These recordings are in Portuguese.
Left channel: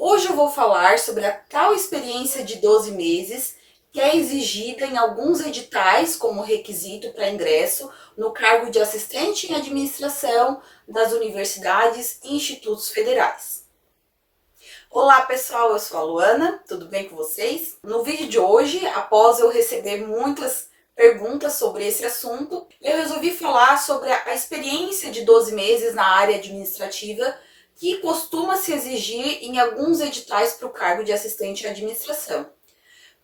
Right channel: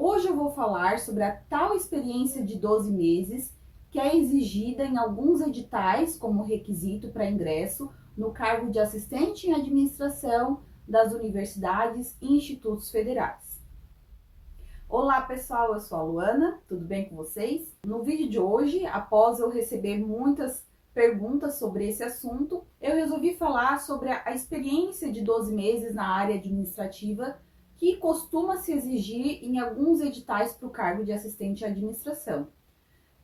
Hoje eu vou falar sobre a tal experiência de 12 meses que é exigida em alguns editais como requisito para ingresso no cargo de assistente em administração das universidades e institutos federais. Olá pessoal, eu sou a Luana, tudo bem com vocês? No vídeo de hoje, após eu receber muitas perguntas sobre esse assunto, eu resolvi falar sobre a experiência de 12 meses na área administrativa que costuma se exigir em alguns editais para o cargo de assistente em administração.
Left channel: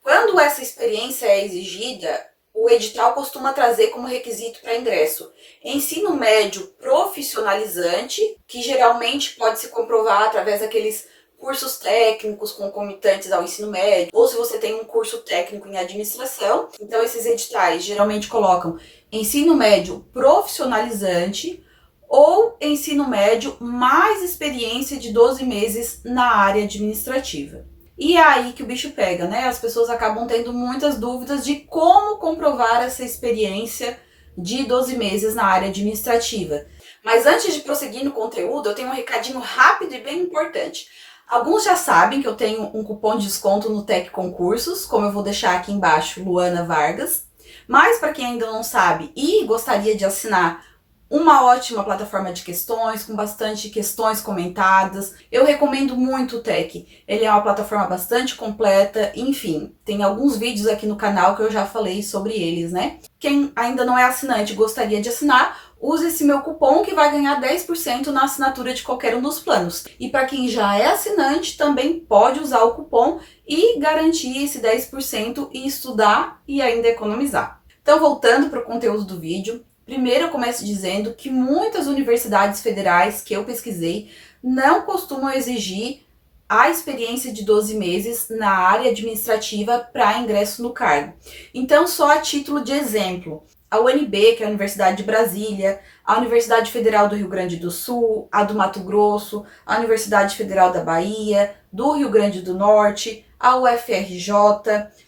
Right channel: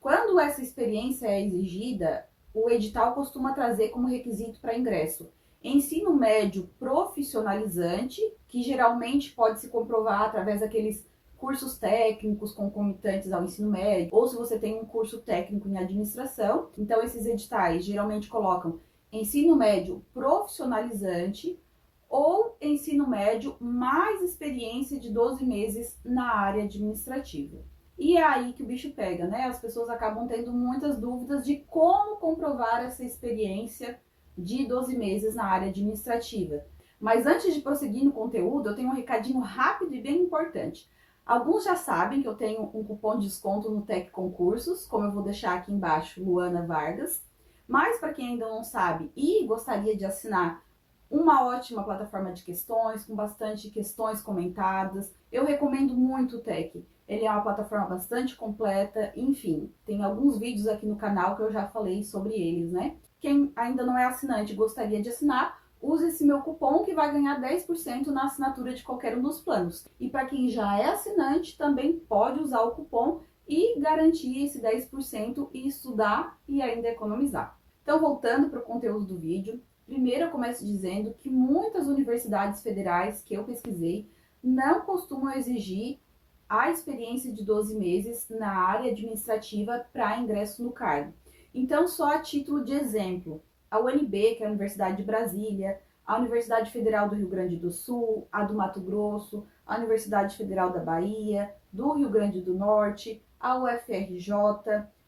Quando essa experiência é exigida, o edital costuma trazer como requisito para ingresso ensino médio profissionalizante, que geralmente pode se comprovar através daqueles cursos técnicos concomitantes ao ensino médio, ou se você tem um curso técnico em administração. Então esses editais geralmente colocam ensino médio profissionalizante ou ensino médio mais experiência de 12 meses na área administrativa. E é aí que o bicho pega, né? As pessoas acabam tendo muitas dúvidas de como comprovar essa experiência de 12 meses na área administrativa. Mas antes de prosseguir no conteúdo, eu tenho um recadinho rápido e bem importante. Alguns já sabem que eu tenho um cupom de desconto no Tec Concursos, como eu vou deixar aqui embaixo, Luana Vargas. Mas para quem ainda não sabe e gostaria de assinar uma ótima plataforma de questões, com bastante questões comentadas. Eu recomendo muito o Tec. Ele é uma plataforma bastante completa, enfim, tem alguns vídeos aqui no canal que eu já falei sobre eles, né? Quem ainda não é assinante e gostaria de assinar, use esse meu cupom que vai ganhar 10% na assinatura de qualquer um dos planos. E para quem já é assinante, também pode usar o cupom e garantir esse 10% e estudar e ainda economizar. Então, voltando para o conteúdo do vídeo, primeiro eu começo dizendo que muitas universidades federais que eu pesquisei não costumam exigir a experiência de 12 meses na área administrativa para ingresso no cargo. Então, só a título de exemplo, a UNB, que é a Universidade de Brasília, a Universidade Federal do Rio Grande do Sul, a do Mato Grosso, a Universidade Federal da Bahia, do Rio Grande do Norte, a UFRJ,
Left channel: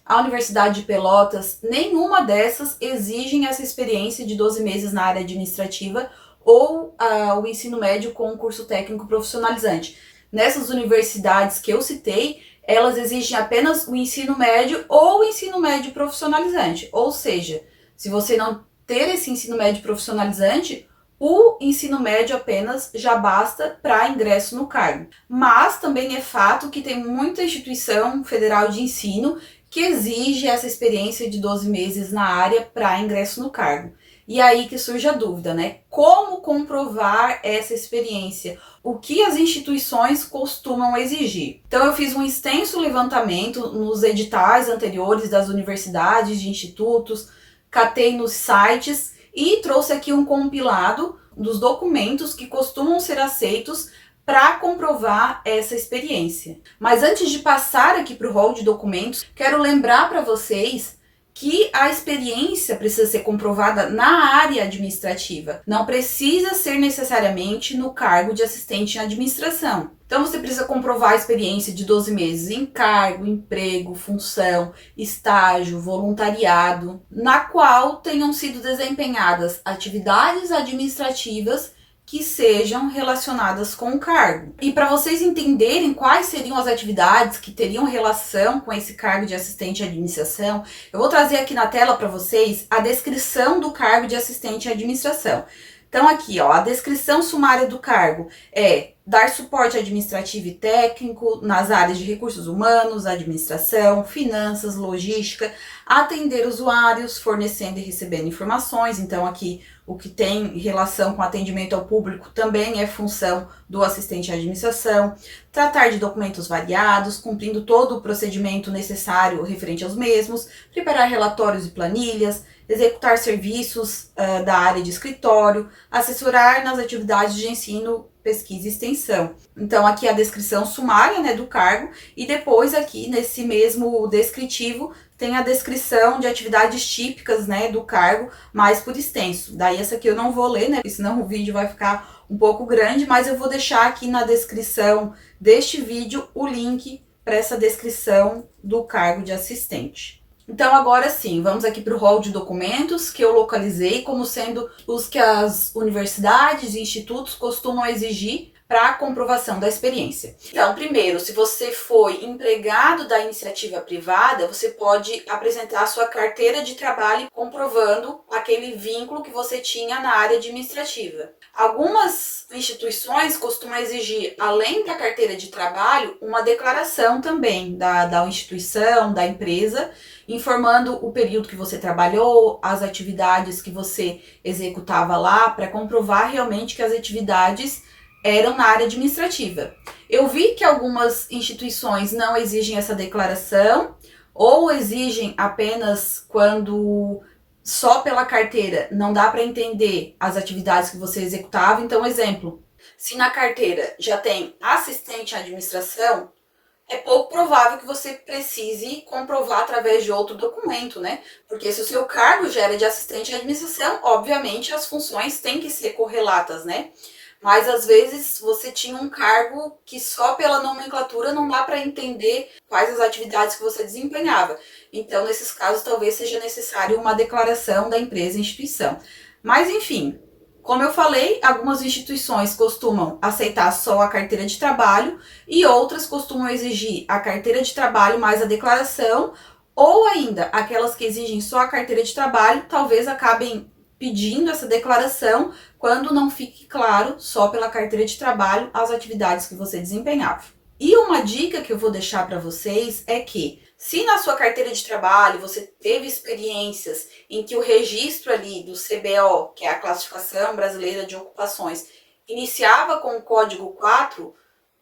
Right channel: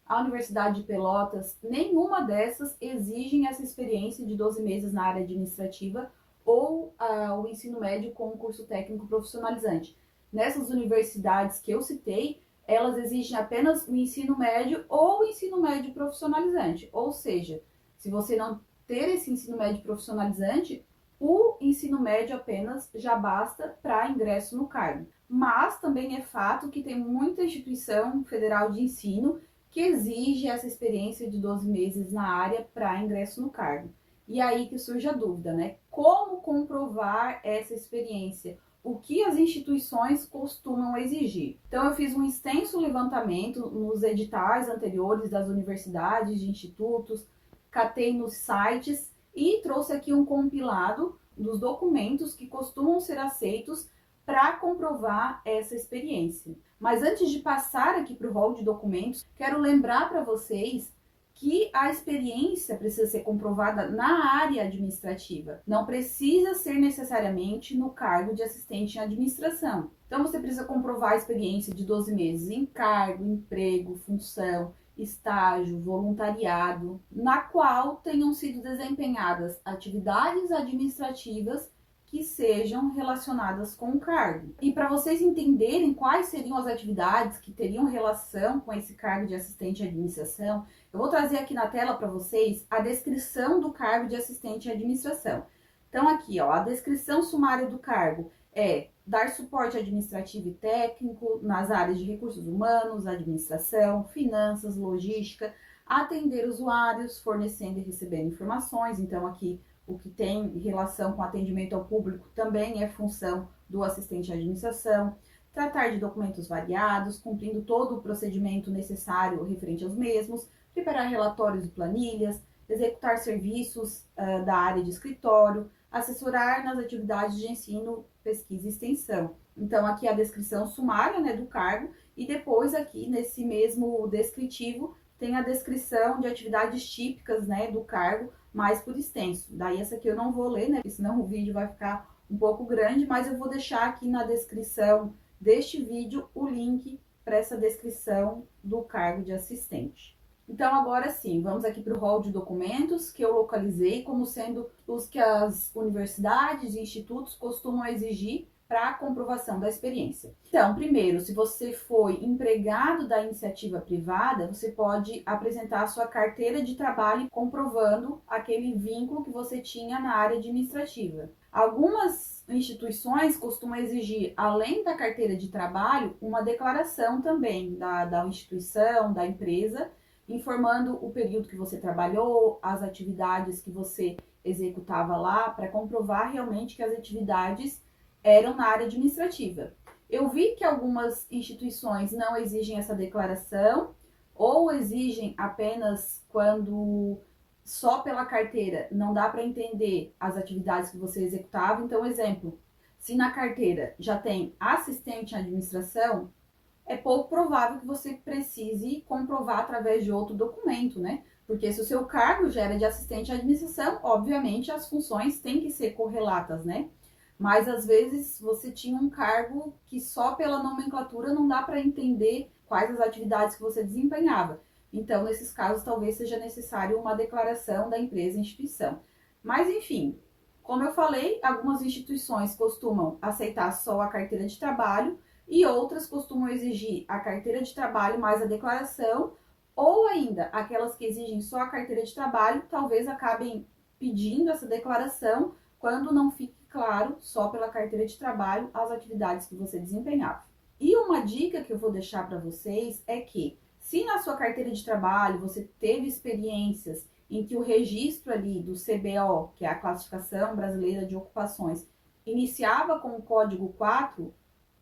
a Universidade de Pelotas, nenhuma dessas exigem essa experiência de 12 meses na área administrativa ou o ensino médio com um curso técnico profissionalizante. Nessas universidades que eu citei, elas exigem apenas o ensino médio ou o ensino médio profissionalizante. Ou seja, se você não ter esse ensino médio profissionalizante, o ensino médio apenas já basta para ingresso no cargo. Mas também é fato que tem muita instituição federal de ensino que exige essa experiência de 12 meses na área para ingresso no cargo. E aí que surge a dúvida, né? Como comprovar essa experiência? O que as instituições costumam exigir? Então eu fiz um extenso levantamento nos editais anteriores das universidades, de institutos, catei nos sites e trouxe aqui um compilado dos documentos que costumam ser aceitos para comprovar essa experiência. Mas antes de passar aqui para o rol de documentos, quero lembrar para vocês que a experiência precisa ser comprovada na área administrativa. Não precisa ser necessariamente no cargo de assistente em administração. Então você precisa comprovar a experiência de 12 meses em cargo, emprego, função, estágio, voluntariado, na qual tenham sido desempenhadas atividades administrativas que sejam relacionadas com o cargo. E para vocês entenderem quais seriam as atividades que teriam relação com esse cargo de assistente à administração, eu vou trazer aqui na tela para vocês a descrição do cargo de assistente à administração. Então aqui, ó, a descrição sumária do cargo é dar suporte administrativo e técnico nas áreas de recursos humanos, administração, finanças, logística, atender usuários, fornecendo e recebendo informações. Então aqui o que tem relação com atendimento ao público também é função do assistente à administração, tratar de documentos variados, cumprindo todo o procedimento necessário referente aos mesmos, preparar relatórios e planilhas, executar serviços da área de escritório, assessorar nas atividades de ensino, pesquisa e extensão. Então aqui a descrição sumária, né, do cargo, e depois aqui nesse mesmo descritivo tem a descrição de atividades típicas, né, do cargo, mais por extenso. Daí essa aqui eu não vou ler, né, porque senão o vídeo vai ficar um pouco grande, mas eu vou deixar aqui na descrição deste vídeo o link para essa descrição do cargo de assistente. Então agora sim, vamos aqui para o rol de documentos que eu localizei como sendo os que as universidades e institutos costumam exigir para a comprovação da experiência. Então, primeiro, se você foi empregado da iniciativa privada, você pode apresentar a sua carteira de trabalho comprovando aquele vínculo que você tinha na área administrativa. Algumas instituições costumam exigir, além da carteira de trabalho, uma declaração também da instituição, da empresa, informando o período que você trabalhou, as atividades que você executava lá, para comprovar realmente que as atividades eram na área administrativa. Eu vi que algumas instituições não exigem essa declaração ou exigem apenas quando só pela carteira não dá para entender as atividades que você executava. Então, exemplo, se na carteira já tem assistente à administração, é pouco provável que você precise comprovar através de outro documento, né? Porque se o seu cargo já era de assistente à administração, obviamente as funções têm que ser correlatas, né? Mas às vezes você tinha um cargo que só pela nomenclatura não dá para entender quais as atividades que você desempenhava. Então, nesses casos, talvez seja necessário uma declaração da empresa e instituição. Mas, enfim, como eu falei, algumas instituições costumam aceitar só a carteira de trabalho e outras costumam exigir a carteira de trabalho mais a declaração, ou ainda aquelas que exigem só a carteira de trabalho, talvez acabem pedindo essa declaração quando não fique claro só pela carteira de trabalho as atividades que você desempenhava. E uma dica que eu vou deixar para vocês é que, se na sua carteira de trabalho você teve experiências em que o registro ali do CBO, que é a Classificação Brasileira de Ocupações, iniciava com o código 4,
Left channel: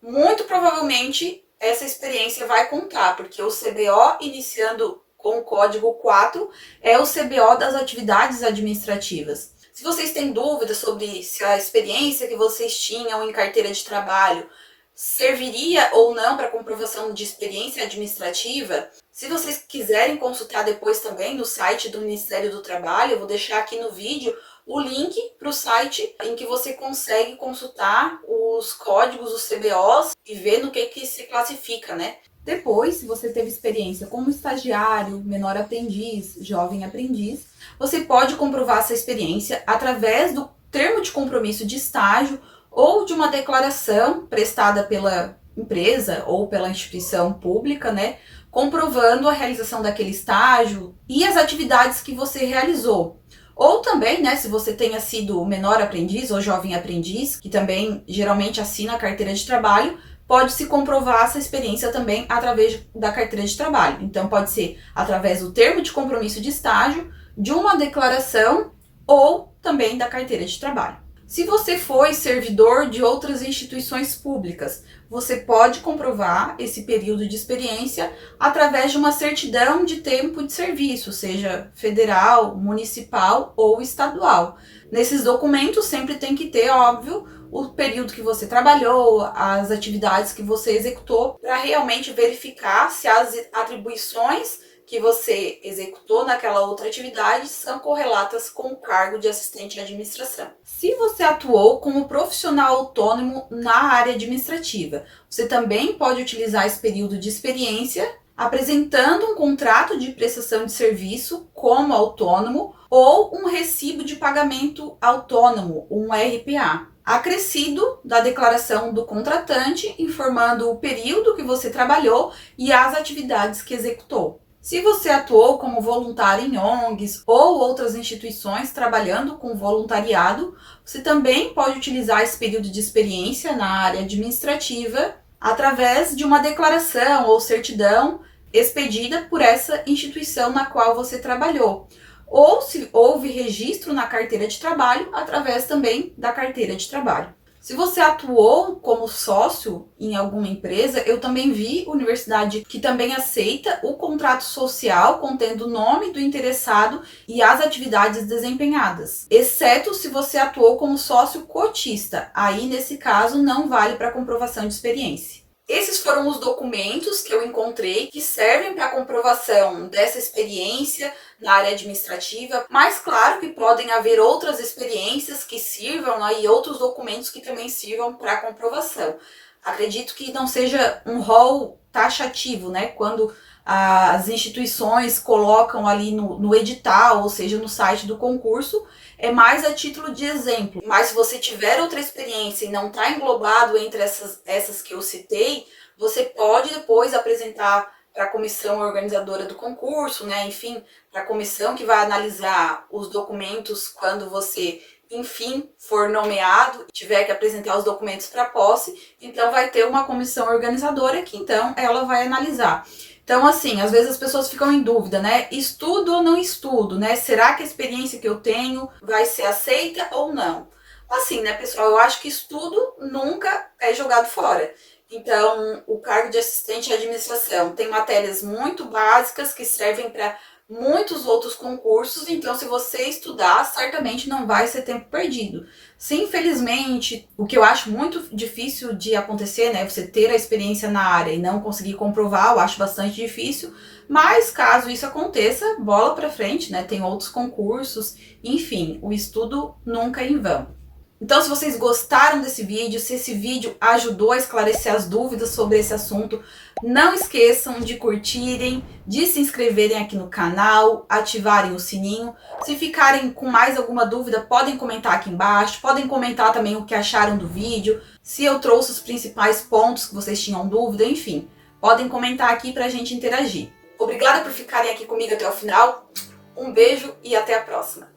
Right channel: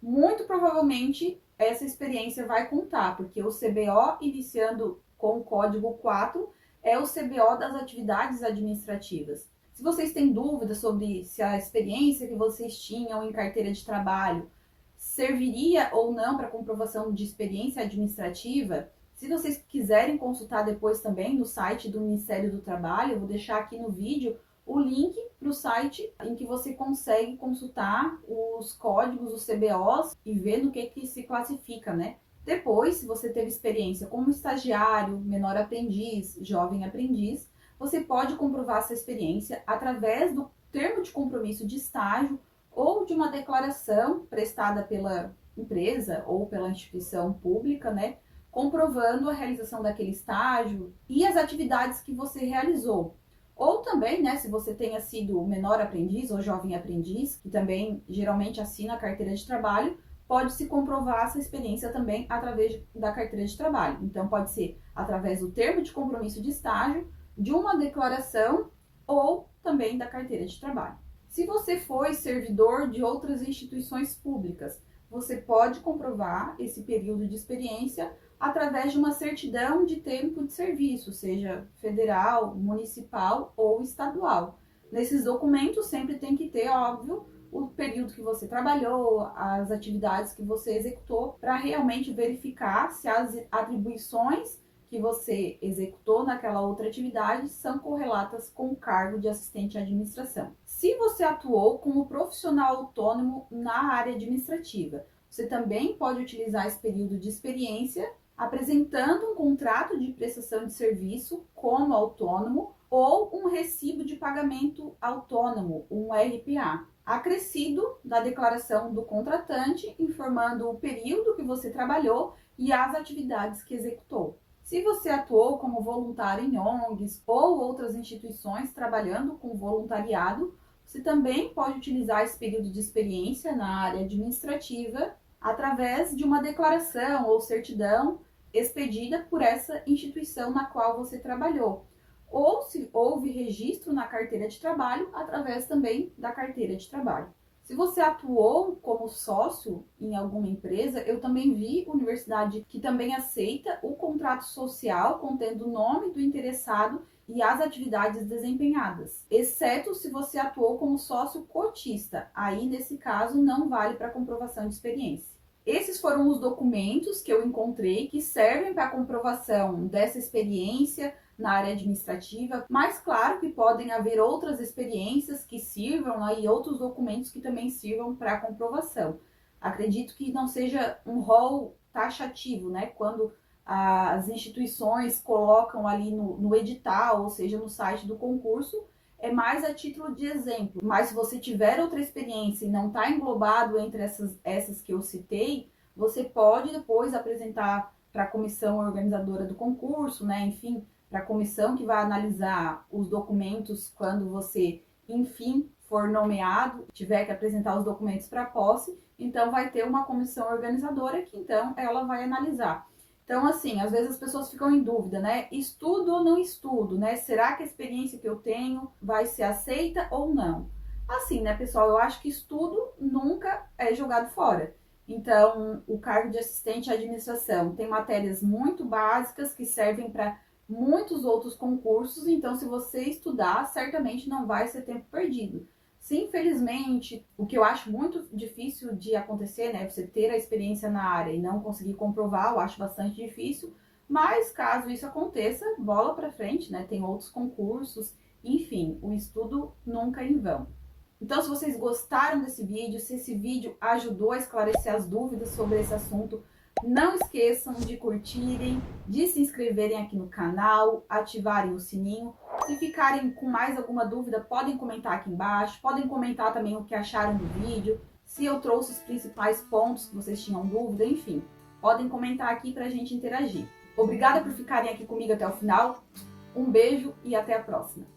muito provavelmente essa experiência vai contar, porque o CBO iniciando com o código 4 é o CBO das atividades administrativas. Se vocês têm dúvidas sobre se a experiência que vocês tinham em carteira de trabalho serviria ou não para comprovação de experiência administrativa, se vocês quiserem consultar depois também no site do Ministério do Trabalho, eu vou deixar aqui no vídeo o link para o site em que você consegue consultar os códigos, os CBOs e ver no que se classifica, né? Depois, se você teve experiência como estagiário, menor aprendiz, jovem aprendiz, você pode comprovar essa experiência através do termo de compromisso de estágio ou de uma declaração prestada pela empresa ou pela instituição pública, né, comprovando a realização daquele estágio e as atividades que você realizou. Ou também, né, se você tenha sido menor aprendiz ou jovem aprendiz, que também geralmente assina a carteira de trabalho, pode-se comprovar essa experiência também através da carteira de trabalho. Então, pode ser através do termo de compromisso de estágio, de uma declaração ou também da carteira de trabalho. Se você foi servidor de outras instituições públicas, você pode comprovar esse período de experiência através de uma certidão de tempo de serviço, seja federal, municipal ou estadual. Nesses documentos sempre tem que ter, óbvio, o período que você trabalhou, as atividades que você executou, para realmente verificar se as atribuições que você executou naquela outra atividade são correlatas com o cargo de assistente à administração. Se você atuou como profissional autônomo na área administrativa, você também pode utilizar esse período de experiência apresentando um contrato de prestação de serviço como autônomo ou um recibo de pagamento autônomo, um RPA, acrescido da declaração do contratante, informando o período que você trabalhou e as atividades que executou. Se você atuou como voluntário em ONGs ou outras instituições trabalhando com voluntariado, você também pode utilizar esse período de experiência na área administrativa através de uma declaração ou certidão expedida por essa instituição na qual você trabalhou. Ou se houve registro na carteira de trabalho, através também da carteira de trabalho. Se você atuou como sócio em alguma empresa, eu também vi universidade que também aceita o contrato social contendo o nome do interessado e as atividades desempenhadas, exceto se você atuou como sócio cotista. Aí, nesse caso, não vale para comprovação de experiência. Esses foram os documentos que eu encontrei que servem para a comprovação dessa experiência na área administrativa, mas claro que podem haver outras experiências que sirvam e outros documentos que também sirvam para a comprovação. Acredito que não seja um rol taxativo, né? Quando as instituições colocam ali no edital, ou seja, no site do concurso, é mais a título de exemplo. Mas se você tiver outra experiência e não está englobado entre essas que eu citei, você pode depois apresentar para a comissão organizadora do concurso, né? Enfim, para a comissão que vai analisar os documentos quando você, enfim, for nomeado, tiver que apresentar os documentos para posse, então vai ter uma comissão organizadora que então ela vai analisar. Então, assim, às vezes as pessoas ficam em dúvida, né? Estudo ou não estudo, né? Será que a experiência que eu tenho vai ser aceita ou não? Assim, né, pessoal? Eu acho que estudo nunca é jogado fora. Então, o cargo de assistente à administração tem matérias muito básicas que servem para muitos outros concursos. Então, se você estudar, certamente não vai ser tempo perdido. Se infelizmente, o que eu acho muito difícil de acontecer, né, você ter a experiência na área e não conseguir comprovar, eu acho bastante difícil, mas caso isso aconteça, bola para frente, né, tem outros concursos, enfim, o estudo nunca é em vão. Então, se vocês gostaram desse vídeo, se esse vídeo ajudou a esclarecer as dúvidas sobre esse assunto, não esqueçam de curtirem, de se inscreverem aqui no canal, ativarem o sininho. Se ficarem com mais alguma dúvida, podem comentar aqui embaixo, podem comentar também o que acharam do vídeo, se eu trouxe os principais pontos que vocês tinham dúvida, enfim, podem comentar aqui pra gente interagir. Obrigada por ficarem aqui comigo até o final, um beijo e até a próxima!